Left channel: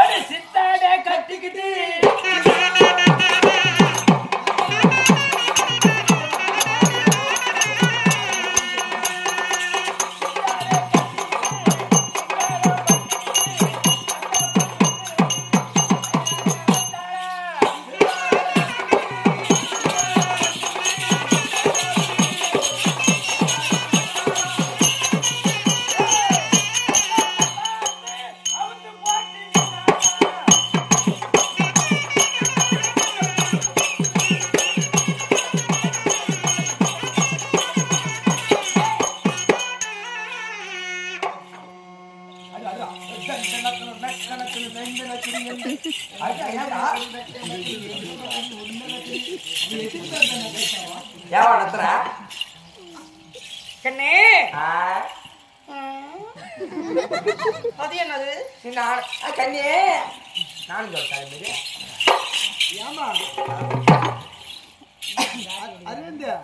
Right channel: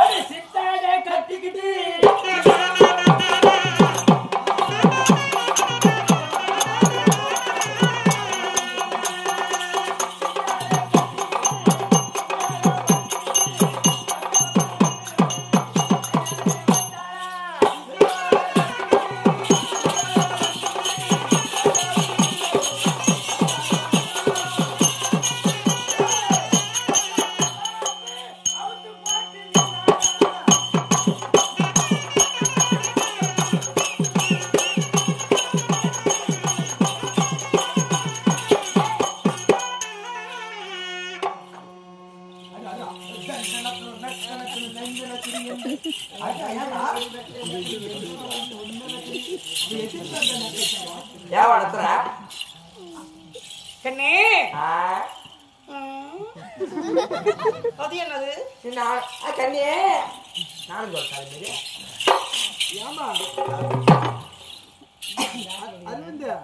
ஒரு சித்தாட கட்டிக்கிட்டு கண்ணே அது என்னது கண்ணே நான் சொல்றேன் ஏமா அரவிந்தா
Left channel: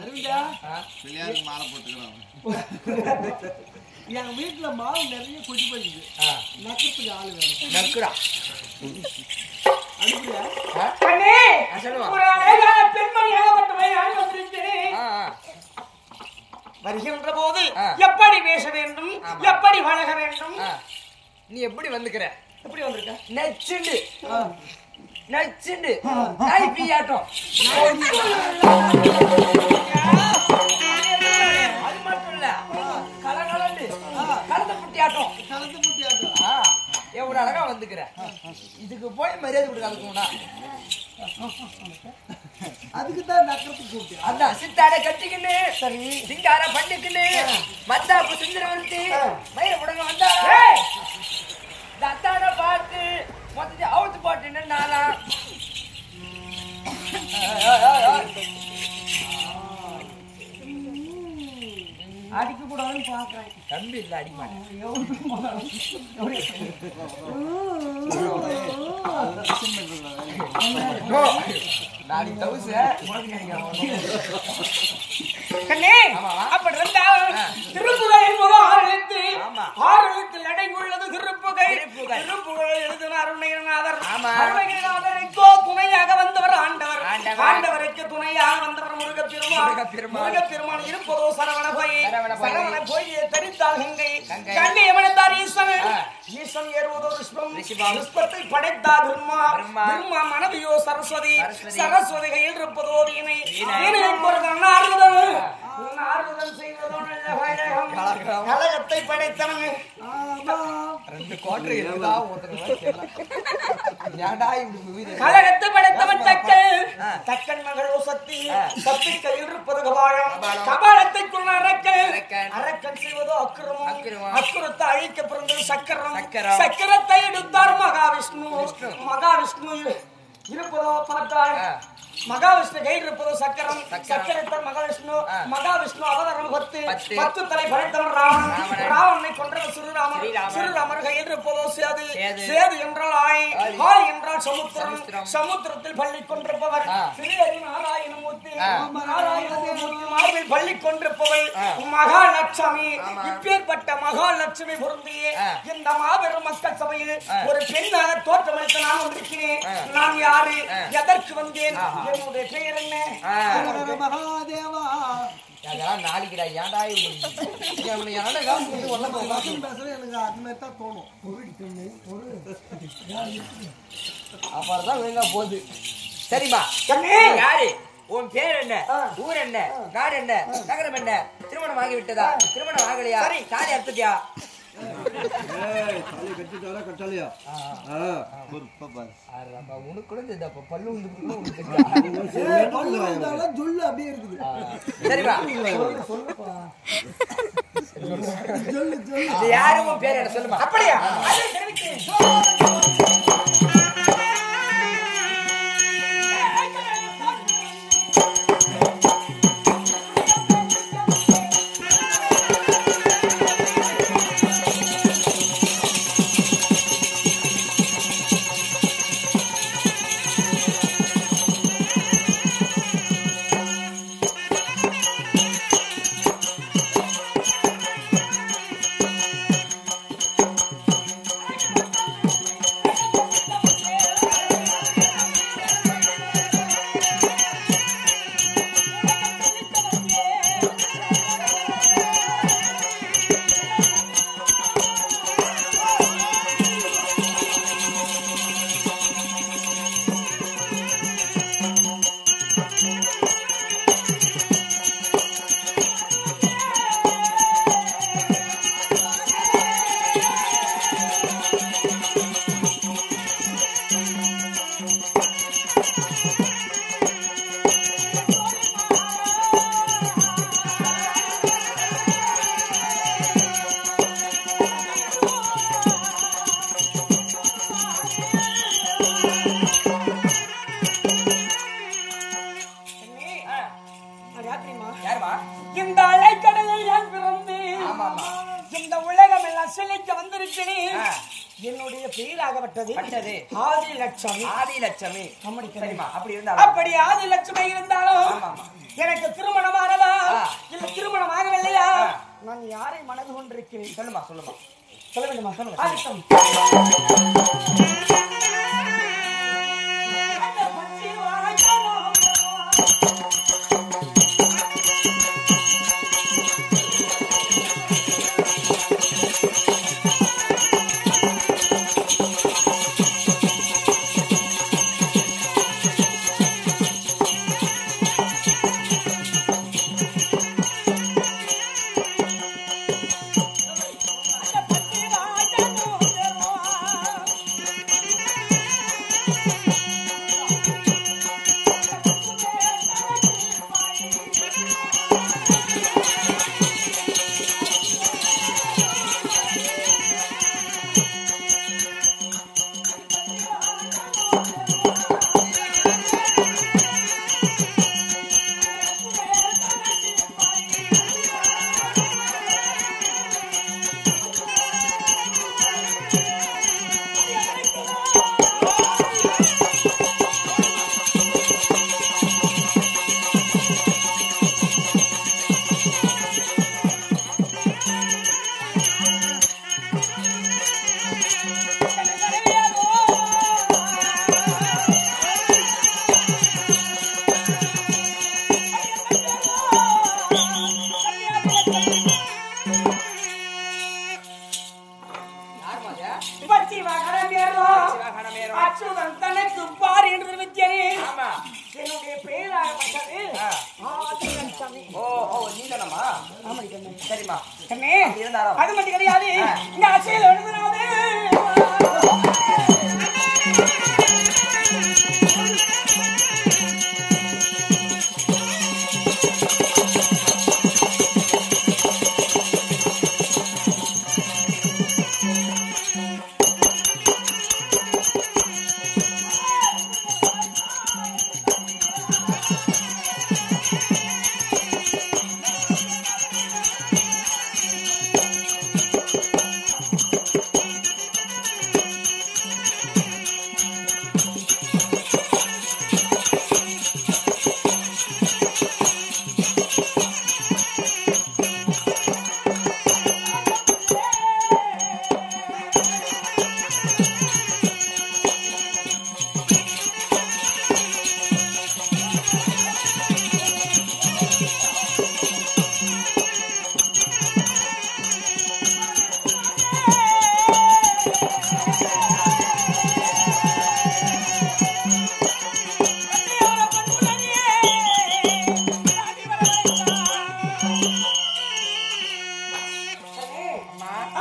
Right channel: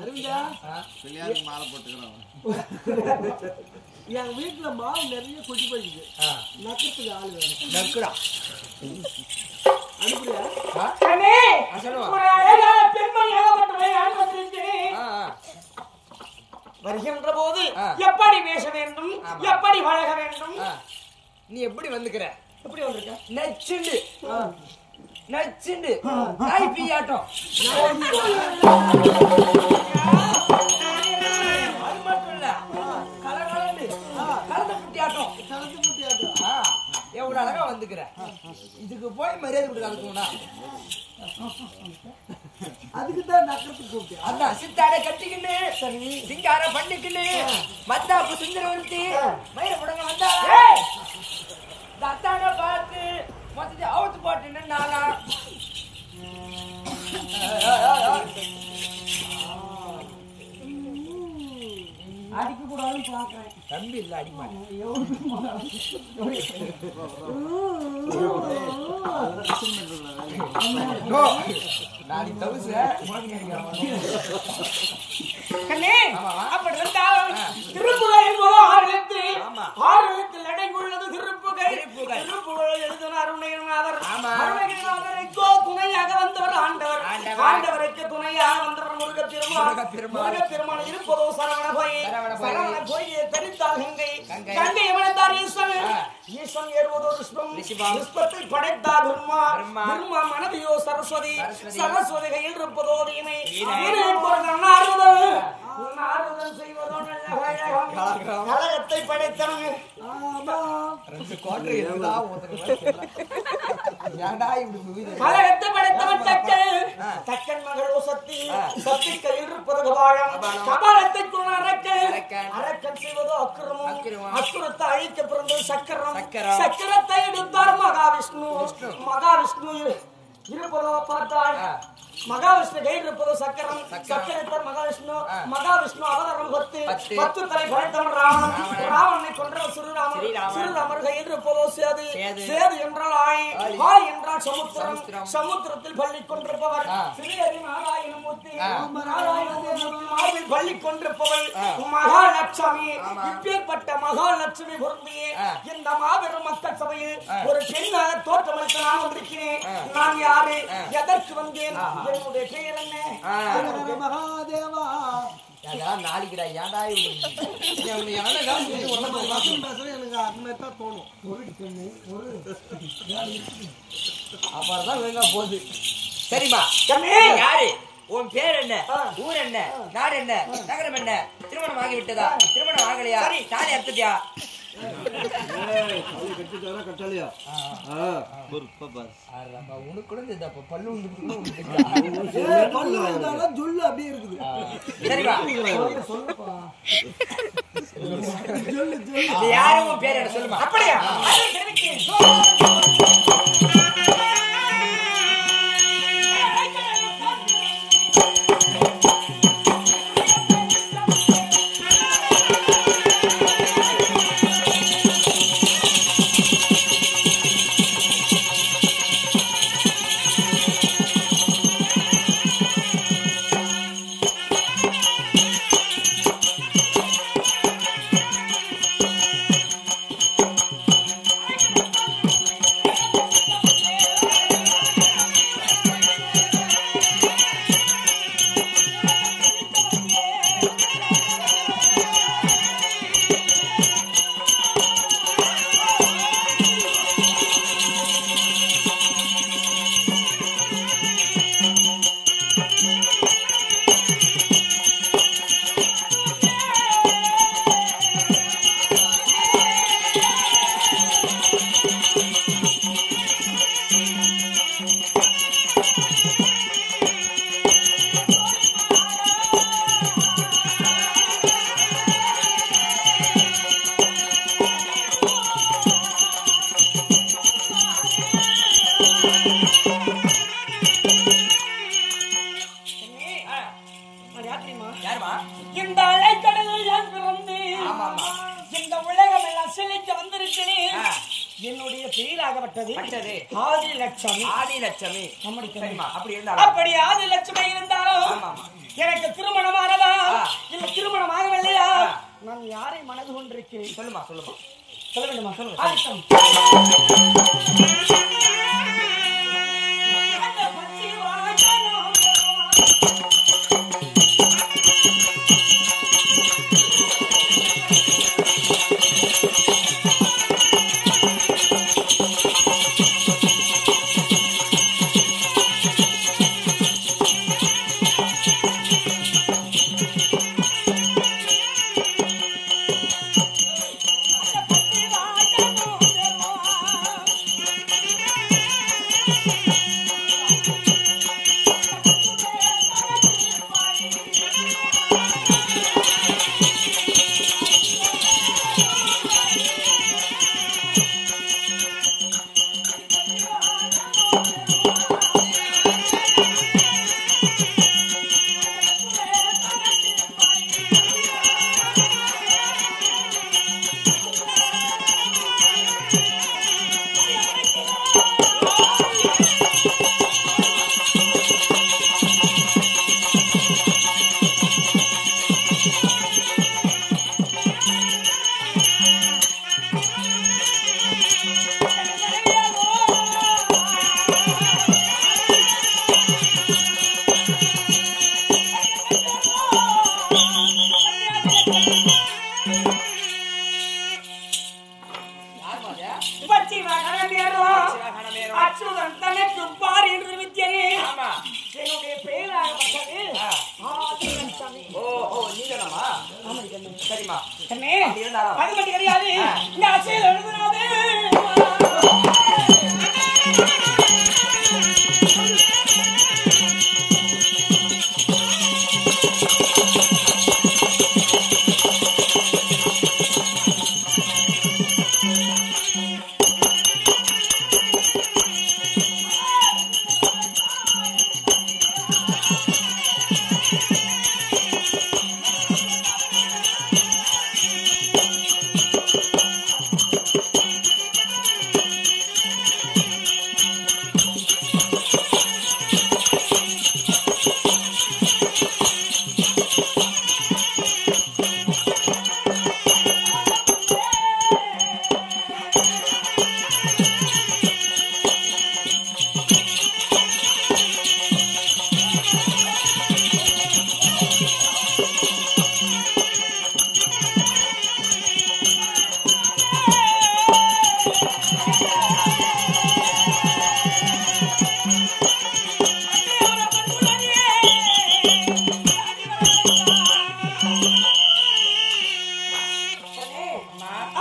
அரவிந்தா கல்யாணம் மாலை போட்டுக்கிறான் என் வீட்டுல மாவு நிறைய கொட்டி போயிடுது நக்கிறதுக்கு ஆள் வேணும் நக்குடா அனுப்புறியா கண்ணே சொல்லுவா ஒரு அழகான பெண்மணியாகப்பட்டவை நான் வந்திருக்கிறேன் வருகின்ற போது எப்படி பேச வேண்டும் எப்படி பழக வேண்டும் நீ எப்படி வந்துக்கிற எப்படி வந்திருக்க நச்சுண்டு நச்சுண்டு நாய் பியாட்டம் அது மட்டும் இல்ல கலகலண்டு கலந்த புட்டி ஆட்டம் கலந்து முட்டியாட்டா எவ்வளவு அழகா வந்துக்கிற இதுக்கு போய் மரியாதை கொடுக்காதுக்கும்டா அதுக்கு தான் நக்கிறதுக்கு கூப்பிட்டேன் அதான் சித்தாட கட்டிக்கின்னு சிங்கார பண்ணிக்கின்னு மத்தாப்பு சுந்தரவர்த்தி மயிர புடங்க வந்தாரா இந்த அத்தான பார்த்து மொத்தத்தை அவுத்து போட்டு நாளா அடிக்க கூடாதுன்னு பாக்குறேன் தம்பி இல்ல அடிக்க மாட்டேன் நாளைக்கு தவுசு கண்ணே அப்படி இருந்தா திருப்புகை என்பது 6 எழுத்து 6 எழுத்தில் அடங்கியுள்ளது திருப்புகை திருப்புகை எழுதின அருணகிரிநாதர் அருணகிரிநாதருக்கு துணையாக வந்தவர் ஆண்டவர் ஆண்டவருக்கு துணையாக வந்தவர் முருகப்பெருமான் இருப்பதோ சரவண போய் தரித்தால் கங்கை அமர்ந்தார் ஈசன் ஏறுவதோ ரிஷ்பத்தை படைத்தார் பிரம்மா மனதியோ சரஸ்வதி கையில் இருப்பதோ வீணை ஆறுதல் செய்வதோ கலகத்தை படைத்தவன் 2 குவார்டர் இருக்குதா கலகத்தை படைத்தவன் தக்கன் மகள் சக்தி கையில் இருப்பது கபாலத்தைக்குள் அரக்கன் செய்வதோ அக்குரத்தை அழிக்க பிறந்தது சக்கரத்தை எடுத்தார் மகாவிஷ்ணு இருப்பதோ பார்த்தாள் மகாவிஷ்ணு கையில் இருப்பதோ சக்கரத்தார் மகாவிஷ்ணு அவதாரம் 10 தலை படைத்தவன் ராவணனை கொன்றவர் சிறுராமர் கையில் இருப்பதோ சேது என்றால் ஆய் என்றால் சமுத்திரத்தில் பள்ளி கொண்டிருப்பவர் ஸ்ரீஹரி நாராயணமூர்த்தி மார்பில் பள்ளி கொண்டிருப்பவள் மகாலட்சுமி இப்பேற்பட்ட மகாலட்சுமி பொருந்திய இந்த மாபெரும் மக்கள் சபையில் ஒரு பெண்ணாக தோற்றமளித்த நான் வந்திருக்கிறேன் நான் யாரு எதற்கு வந்தேன் என்னுடைய பெயர் என்ன மகாதேவா அதெல்லாம் நாளைக்குடா ஏன்டா எனக்கு அதுமாதிரி தான் தோணும் அப்புறம் தான் ஒழுங்கா போகுது சரிம்மா யாரு உன் பேர் என்ன ஊர் என்ன நாடு என்ன நகரம் என்ன திருமணம் ஆகி விட்டதா திருமணம் ஆகலையா தாலி அறுத்துட்டியா உனக்கு பல்லு சொல்லு அப்படியே இருக்குது சரிப்பா யாரும் உன் பேர் என்ன சொல்லுமா அப்படியா பேராகப்பட்டது பட்டது ஆதி லட்சுமி. ஆதி லட்சுமி. அம்மடி சரிம்மா, அப்படி இருந்தாலும் அப்படி ஆதி லட்சுமி இருந்தாலும் ஆமா, ஆமா. எனக்கு திருமணமானதா ஆ. இல்ல திருமணம் ஆகவில்லையா? ஆ. நான் யாரை மனது கொண்டிருக்கிறேன்? சொல்லுமா, சொல்லுமா. சொல்ல வேண்டுமா? சொல்லுங்க. ஆதிக்கம். அந்த பச்சை வாய்க்காலம் அச்சுதன் தனக்கு பார் என்று வித்தியனே. என்னுடைய பெயராகப்பட்டது ஆதி லட்சுமி. ஓ ஓ, நீங்களாமா? ஆமாடி கண்ணே. சரிம்மா. கண்ணே, இருந்தாலும் அது மட்டும் கிடையாது. இந்த அசையில் எழுதுனாவே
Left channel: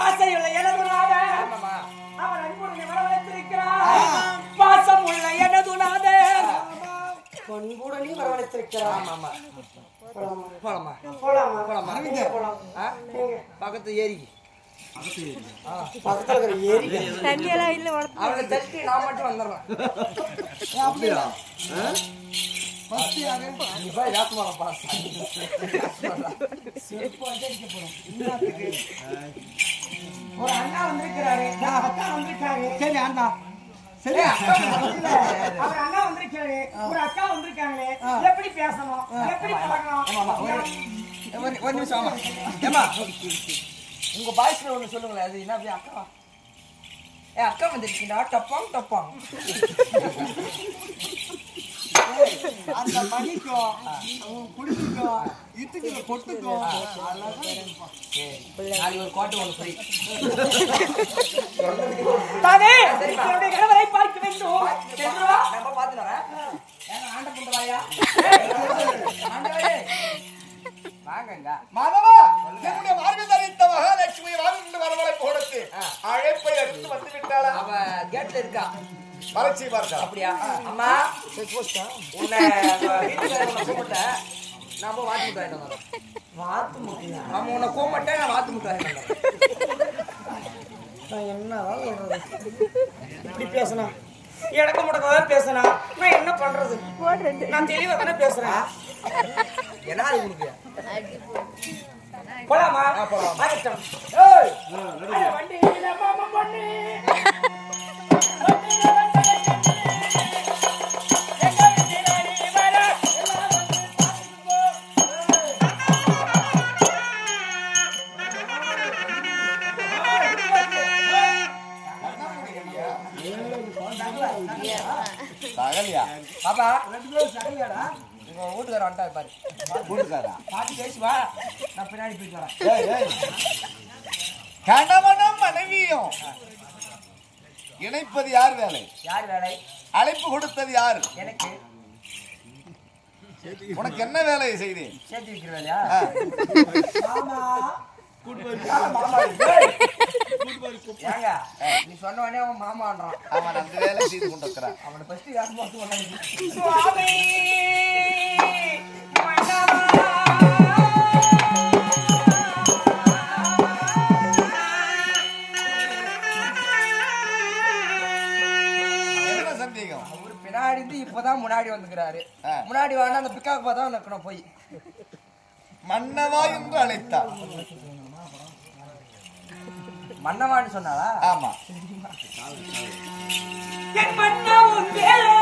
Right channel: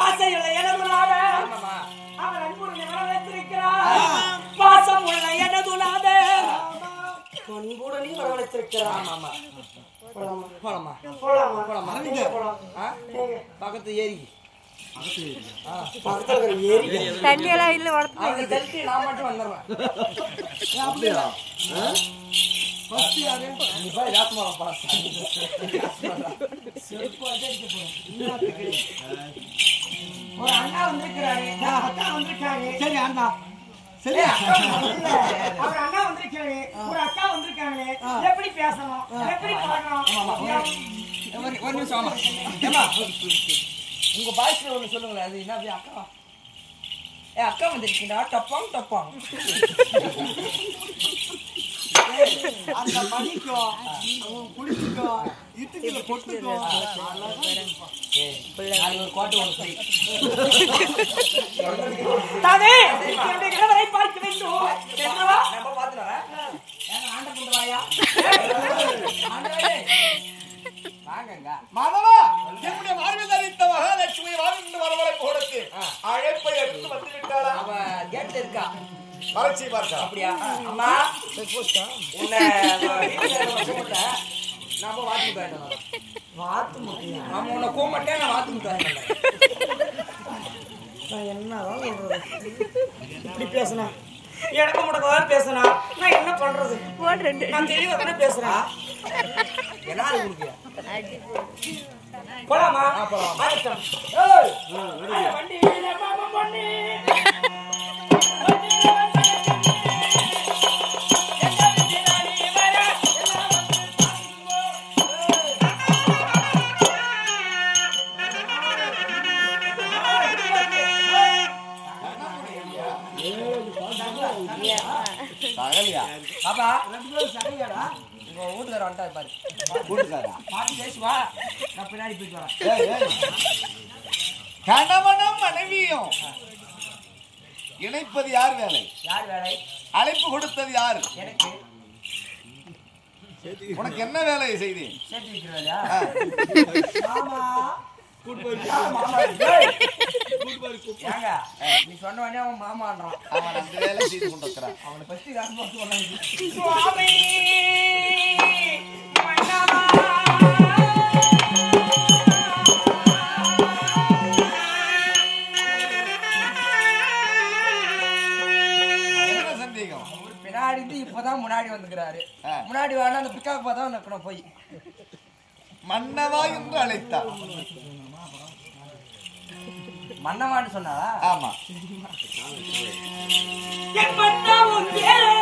ஆசையுள்ள எனது நாதன் ஆமாமா. அவர் அன்புடனே வரவழைத்திருக்கிறார். பாசம் உள்ள எனது நாதன் அன்புடனே வரவழைத்திருக்கிறார். ஆமாமா. போலாமா? போலாமா? போலாமா? நீங்க போலாம். ஆ? பக்கத்து ஏரி. பக்கத்துல இருக்கிற ஏரி தண்ணியெல்லாம் இல்ல வளர்த்து அவங்க தட்டி நான் மட்டும் வந்துடுறேன். அப்படியா? ஃபர்ஸ்ட் யாரு? நீ போய் ராத்மாரம் பாஸ். ஒரு அண்ணா வந்திருக்கிறாரு, அக்கா வந்திருக்காங்க. சரி அண்ணா. சரி இல்ல, அவர் அண்ணா வந்திருக்காரு, ஒரு அக்கா வந்திருக்காங்களே. எப்படி பேசணும், எப்படி பழகணும்? ஒரு நிமிஷம். ஆமா. ஏமா, உங்க பாய்ஸ்ல ஒண்ணு சொல்லுங்களேன். அது என்ன அப்படி அக்கா? அக்கா வந்துருக்கீங்களா? டப்பாங் டப்பாங். அந்த மணிக்கும் அவன் குடிச்சுக்கும் இட்டுக்கிற பொட்டுக்கும் நாளைக்கு ஒரு கோட்டை ஒண்ணு போய் தானே என்னுடைய கணவரை பார்க்க வேண்டும். நம்ம பாத்துனோம். ஆண்ட புண்டு வாயா. ஆண்டவரே வாங்கங்க. மாதவா, என்னுடைய வாழ்வில் அறிந்த மகாலட்சுமி வாழ்ந்து வரவரை போடுத்து அழைப்பை எடுத்து வந்து விட்டாளா? அவ கேட்ல இருக்கா. வளர்ச்சி பார்க்கலாம். அப்படியா? அம்மா உன்னை வீட்டுக்காரங்க கூப்பிட்டேன். நான் போய் வாத்து முட்டை வாங்கிட்டு வந்தேன். வாத்து முட்டையா? ஆமா, உன்னை கூப்பிட்டேன். நான் வாத்து முட்டை வாங்கிட்டு வந்தேன். நான் என்னதான் சொல்றது? இப்படி பேசுனா எனக்கு முடக்கவே பேசுனா நான் என்ன பண்றது? நான் தெளிவா தானே பேசுறேன். என்ன அது உங்களுக்கு? போலாமா? போலாம். ஆகட்டும். வண்டி மாமா பண்ணி தகலியா பாப்பா ரெண்டு பேரும் சகையாடா உங்க வீட்டுக்கார வந்துட்டா பாரு கூட்டுக்காரா பாட்டி பேசி வா நான் பின்னாடி போயிட்டு வரேன் கணவனும் மனைவியும் இணைப்பது யார் வேலை? யார் வேலை? அழைப்பு கொடுத்தது யாரு? எனக்கு. உனக்கு என்ன வேலையை செய்தேன்? சேர்த்து வைக்கிற வேலையா? ஏங்க நீ சொன்ன உடனே அவன் மாமான்றான். அவன் அந்த வேலை செய்து கொண்டிருக்கிறான். அவனை ஃபர்ஸ்ட் காசு பார்த்து சொன்னாங்க. சுவாமி மன்னவா என்ன சந்தேகம்? அவரு பின்னாடி இருந்து இப்பதான் முன்னாடி வந்துக்கிறாரு. முன்னாடி வாங்க அந்த பிக்காக்கு பார்த்தா நிக்கணும் போய் மன்னவா என்று அழைத்தார். மன்னவான்னு சொன்னாளா? ஆமா. என் மன்னவன் வேலே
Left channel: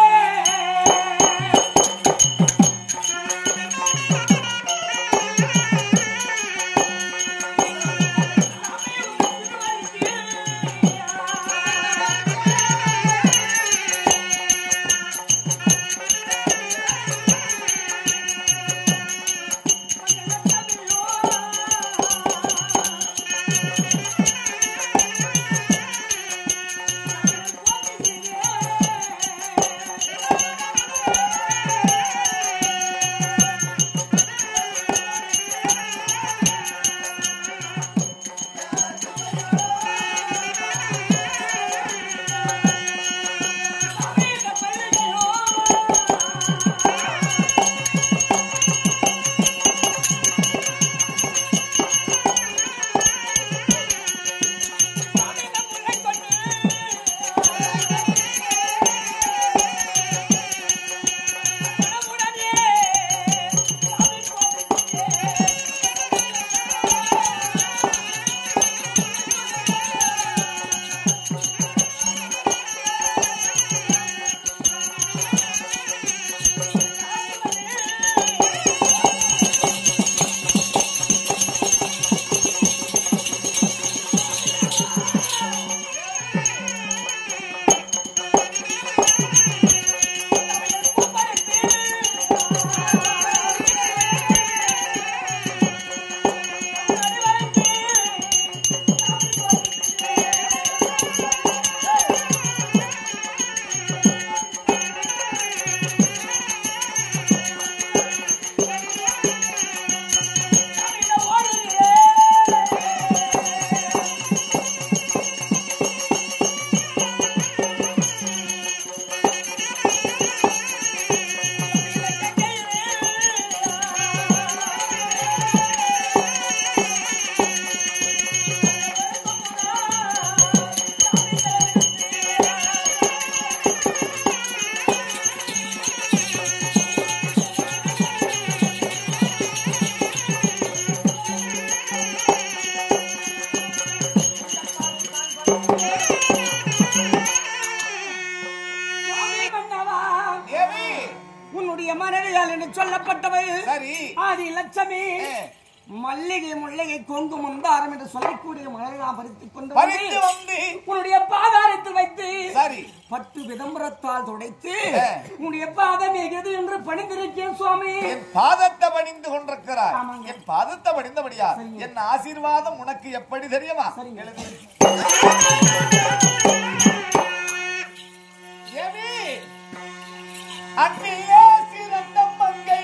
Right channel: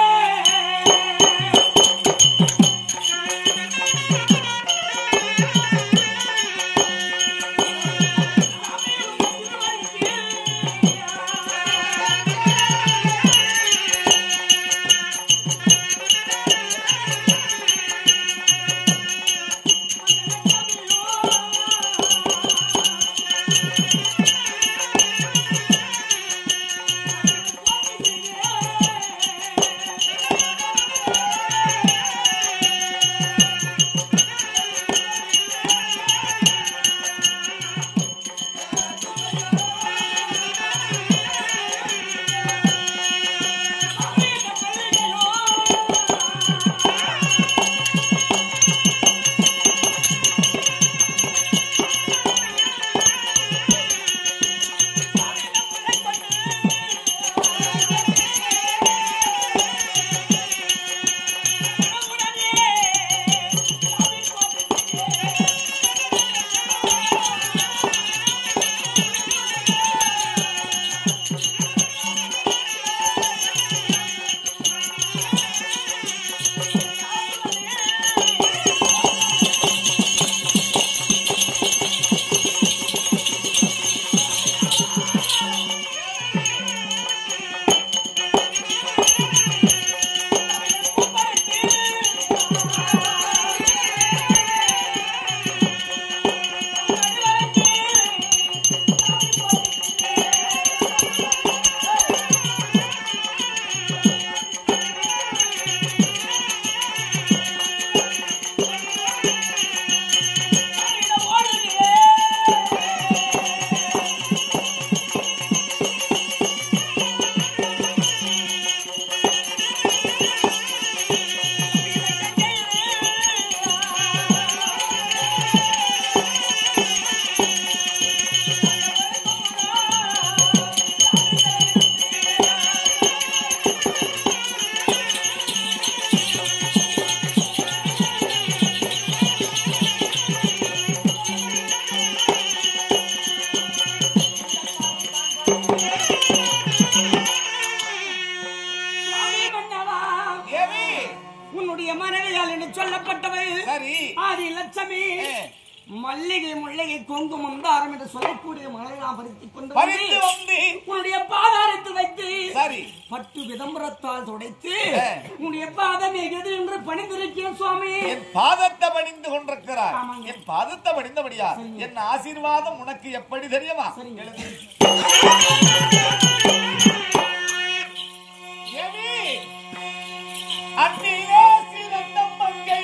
ஆதி லட்சுமி மல்லிகை முல்லைகை கொங்கு முந்தாரம் என்று சொல்லக்கூடிய மலரை நான் பறித்துக் கொண்டு வந்து உன்னுடைய பாதாரத்தில் வைத்து பட்டு விதம்பரத்தால் துடைத்து உன்னுடைய பாதம் எது என்று பணிந்திருக்கேன் சுவாமி. என் பாதத்தை பணிந்து கொண்டிருக்கிறார். என் பாதத்தை பணிந்தபடியா என் ஆசீர்வாதம் உனக்கு எப்படி தெரியுமா? அன்னிலே சிறந்த மங்கை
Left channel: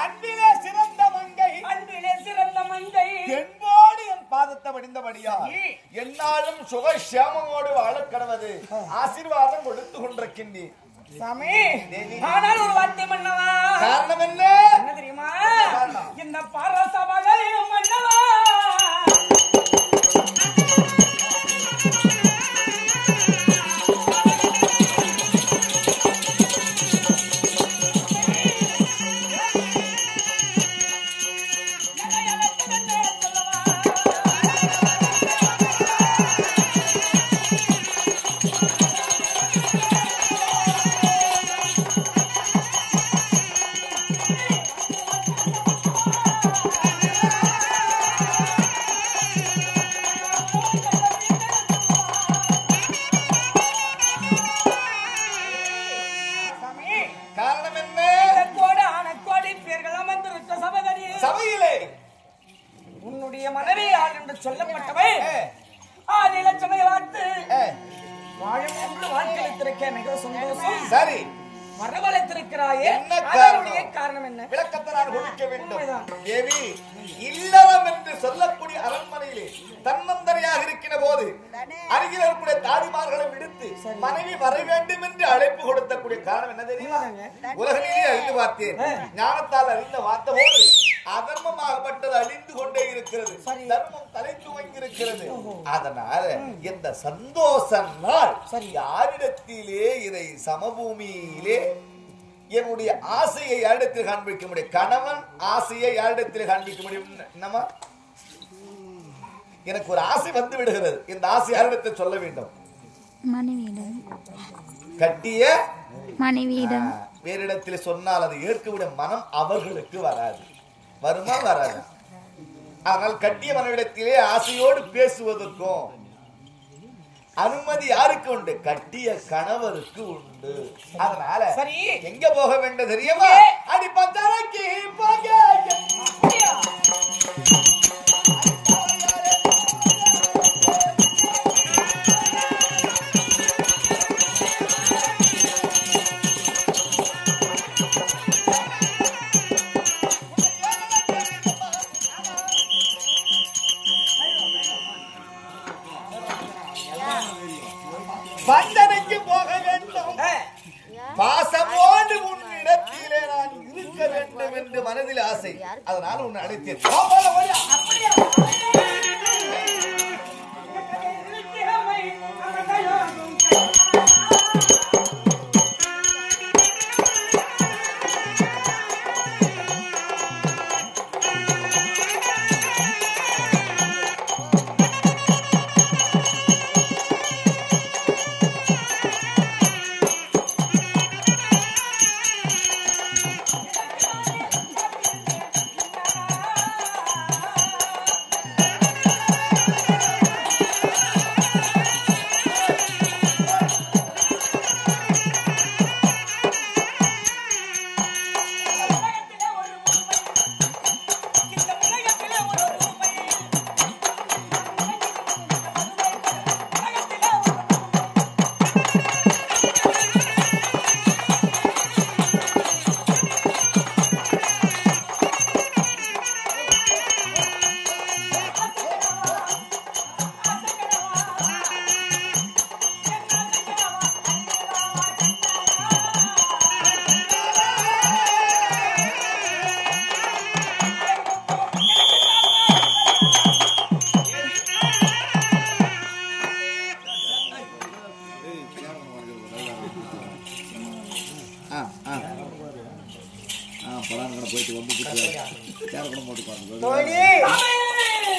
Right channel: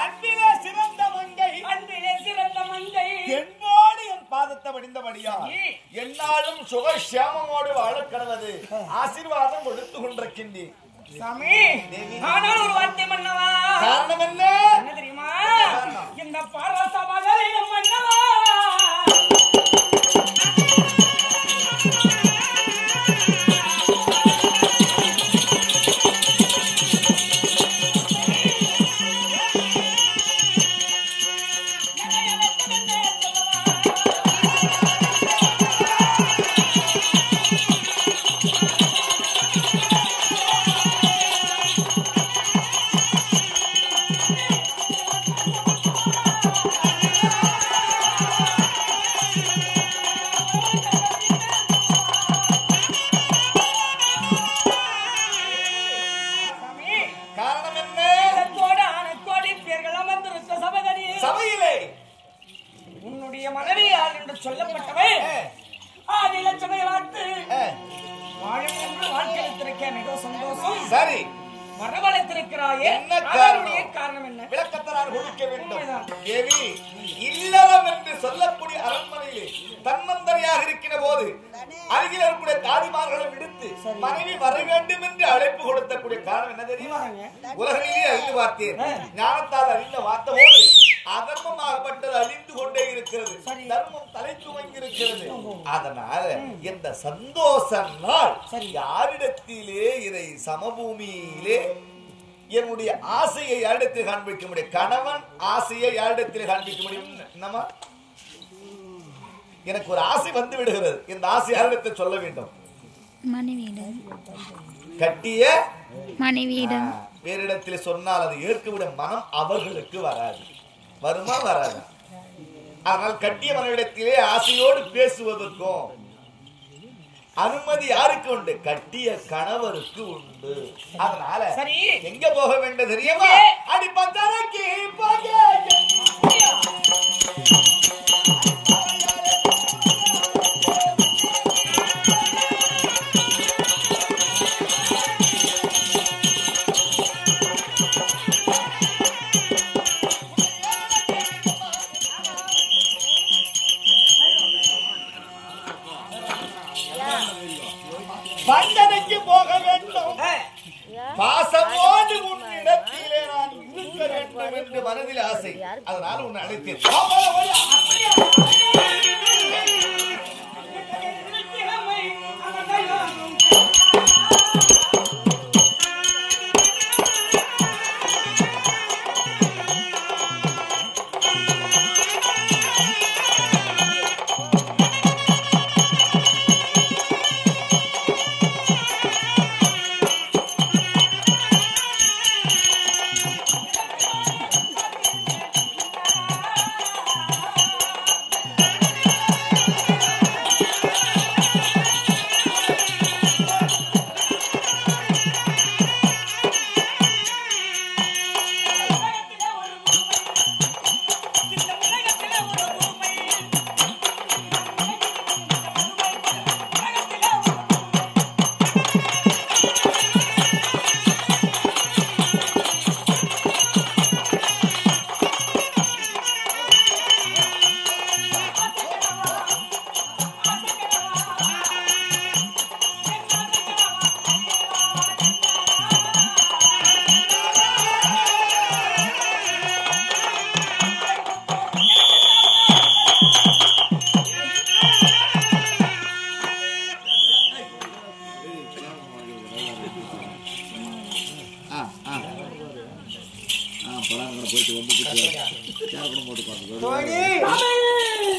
அன்பிலே சிறந்த படிந்தபடியால் என்னாலும் சுகசியாமோடு வாழ கடவது ஆசீர்வாதம் கொடுத்து கொண்டிருக்கின்றேன் சாமி. ஆனால் ஒரு வார்த்தை மன்னவா, காரணம் என்ன என்ன தெரியுமா? இந்த பரசபையில் மன்னவா சொல்லப்பட்டவை ஆதி லட்சமை வாழ்த்து வாழும் என்று வாழ்க்கைத்திருக்க மிக சந்தோஷம். சரி, வரவழைத்திருக்கிறாயே, என்ன காரணம் என்ன? விளக்கத்தை நான் கொடுக்க வேண்டும். தேவி, இல்லறம் என்று சொல்லக்கூடிய அரண்மனையிலே தன்னந்தனியாக இருக்கிற போது அருகில் இருக்கக்கூடிய தாதிமார்களை விடுத்து மனைவி வர வேண்டும் என்று அழைப்பு கொடுத்தக்கூடிய காரணம் என்ன தெரியுமா? உலக நீதி அறிந்து பார்த்தேன், ஞானத்தால் அறிந்த வார்த்தை போது அதர்மமாகப்பட்டது அழிந்து கொண்டே இருக்கிறது, தர்மம் தலை துவங்கி இருக்கிறது. அதனால இந்த சந்தோஷ நாள் யாரிடத்திலே இதை சமபூமியிலே என்னுடைய ஆசையை யாரிடத்தில் காண்பிக்க முடியும்? கணவன் ஆசையை யாரிடத்தில் காண்பிக்க முடியும்? என்னமா எனக்கு ஒரு ஆசை வந்து விடுகிறது, இந்த ஆசை யாரிடத்தில் சொல்ல வேண்டும்? மனைவியிடம். கட்டிய மனைவியிடம். வேறு இடத்துல சொன்னால் அதை ஏற்கவிட மனம் அவர்களுக்கு வராது. வருமா? வராது. ஆனால் கட்டிய மனைவிடத்திலே ஆசையோடு பேசுவதற்கும் அனுமதி யாருக்கு உண்டு? கட்டிய கணவருக்கு உண்டு. அதனால எங்க போக வேண்டும் தெரியுமா? அடி பந்தரைக்கு போக பந்தனைக்கு போக வேண்டும். பாசமோடு உன்னிடத்திலே நான் இருக்க வேண்டும் என்று மனதில் ஆசை. அதனால உன்னை அழைத்தேன். போயிட்டு வந்து போட்டு